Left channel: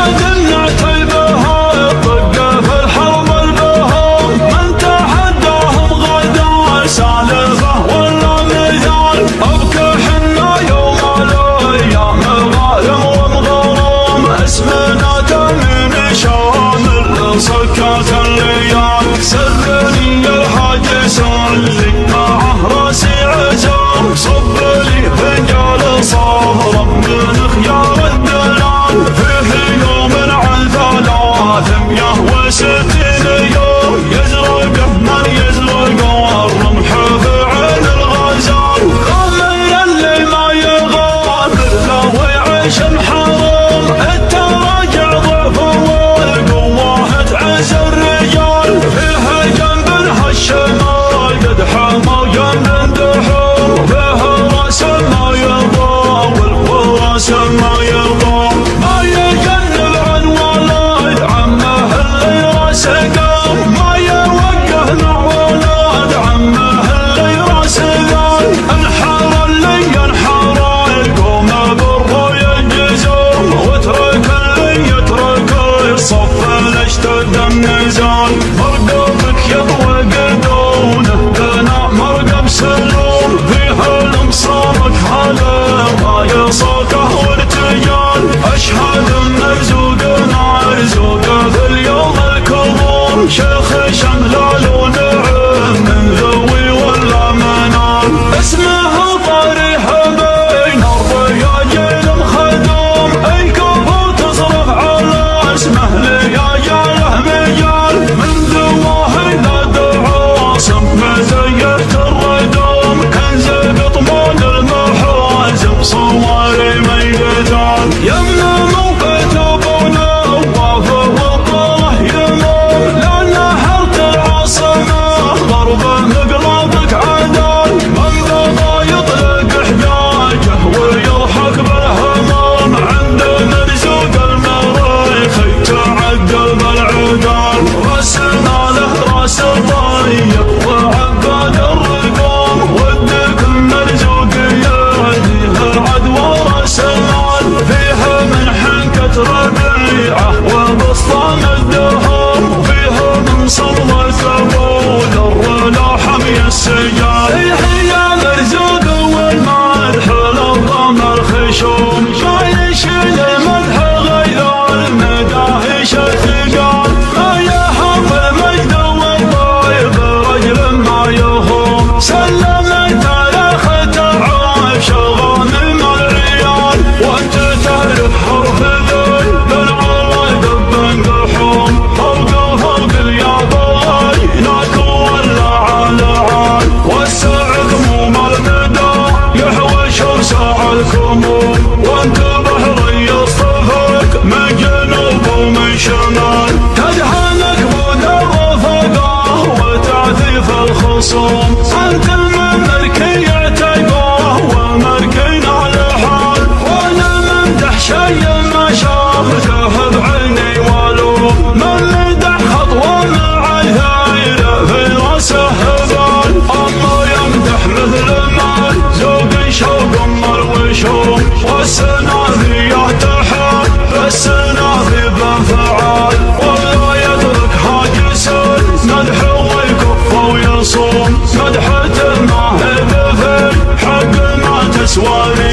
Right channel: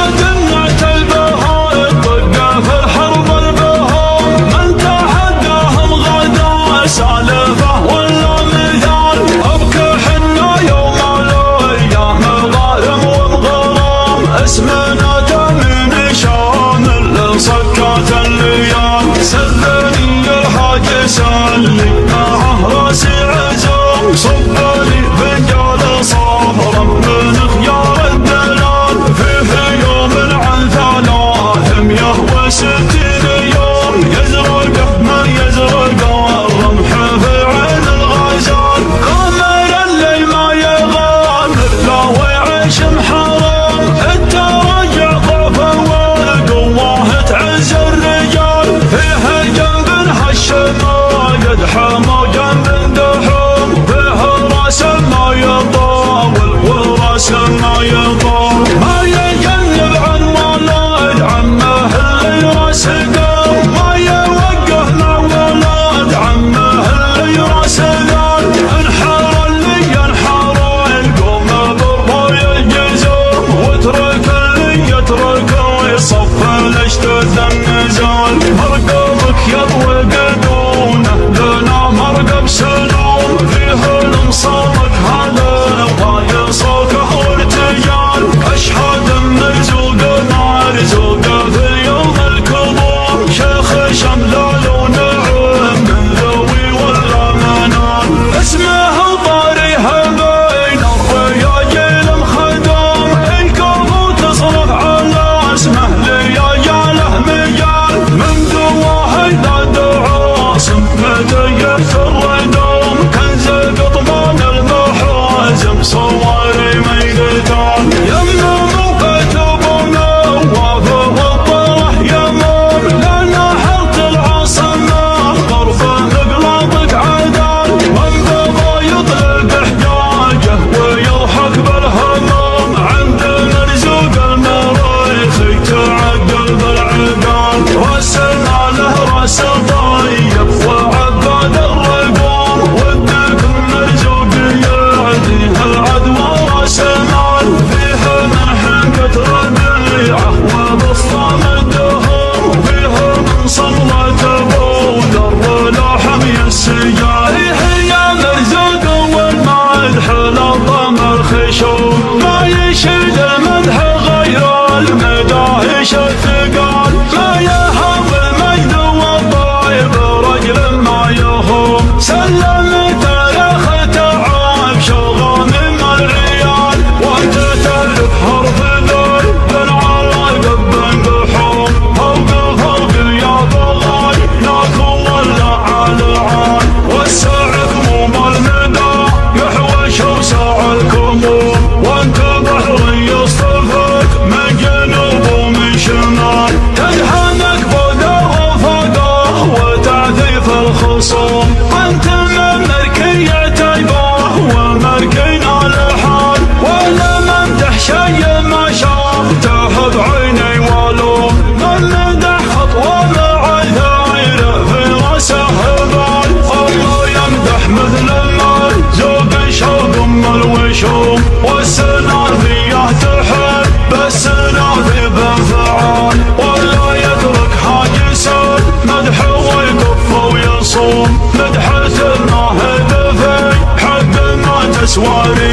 عاد نعتل بهم طقه في الحرب البهم من تحداهم غدا سالفه ولا مثال ابكي حنا يوم الايام غارم ومغرم اسمنا تميم شامل صكات الليام سلني الحاج سلي معه راسي عزام صب لي فنجال صفرا من خيار الدلال فيه يوم عن 360 يوم يزرقه من يزرقه الرمح في عين الغزال غامر اللي ما يغامر لا ويعيش محرم التراجع ضعفه والقوه تعز الرجال فيها جنب هالشمال قد حمى جنب دحوم فيها راس ما يطول وراس ما يطول ما يجنب عن ولد عمه اللي راسه قام ما يوقه مع ولد عمه اللي راسه قال انحر اللي ينحر القوم برضو يجزم واترك اللي يترك يصف الاشتد النزال مرقبك يضوي قدونه لنا مرقب سلوم فيه المصامك هذا ما يصوكه وارتجال اشهد ان زوقنا زوقه في اليوم الكظوم شيخ شملال ونعم من ذوي ولا منام اسمه طاريها بين الرياجيل مخدوم الكفو تصرف على اسمه لياجاله مجال من دواه الى دعاصم مزيت الردوم كنز قطمان المحازم صواري ميدان يمه موقت بنوه والطره يموم لان حرت العاصمه ضربه مقلاطك عدال من بغى يطلق حجاجه ويضحك بالهمام عند مرزوق المريخي تعقل بالعقال رسلنا له راس طيب وعباد الرقوم ودك المرزوق يهديه العدوى راس مال فيها من حنكة ربيعه وبسطام الدهام وفيها من صلة بود الرلاحم السجال يا مرزوق والمدح للضم الخشوم ما يشيل المدح غير المداهش الثقال ما يهم المجد والطيب رجل ما يهم سلمت الاخ تعب شغل من العيال وانت تعرف حرف ذي بن عراقب بن قحوم فوق يا بغاي ناكو ولا على عال والسعد مو مرمدا يحوش وساع الكموم وانت بحر يصطفك من جنوب ومن شمال تدهنك بود الرفقه وتعذيف الخصوم انت من مركي عتيبه والمركين على حال وانا ممدح شي ما شافته بعيني ولوم من مدح خطوه مع الثايره في راسه هبال الله يمدح مثل ما زوق شوق الوشوم والسنافيه تحب السنافي بانفعال ولا يترك حاجس مدح ويكف ويصوم مدحة الماهب في حق ما تسواري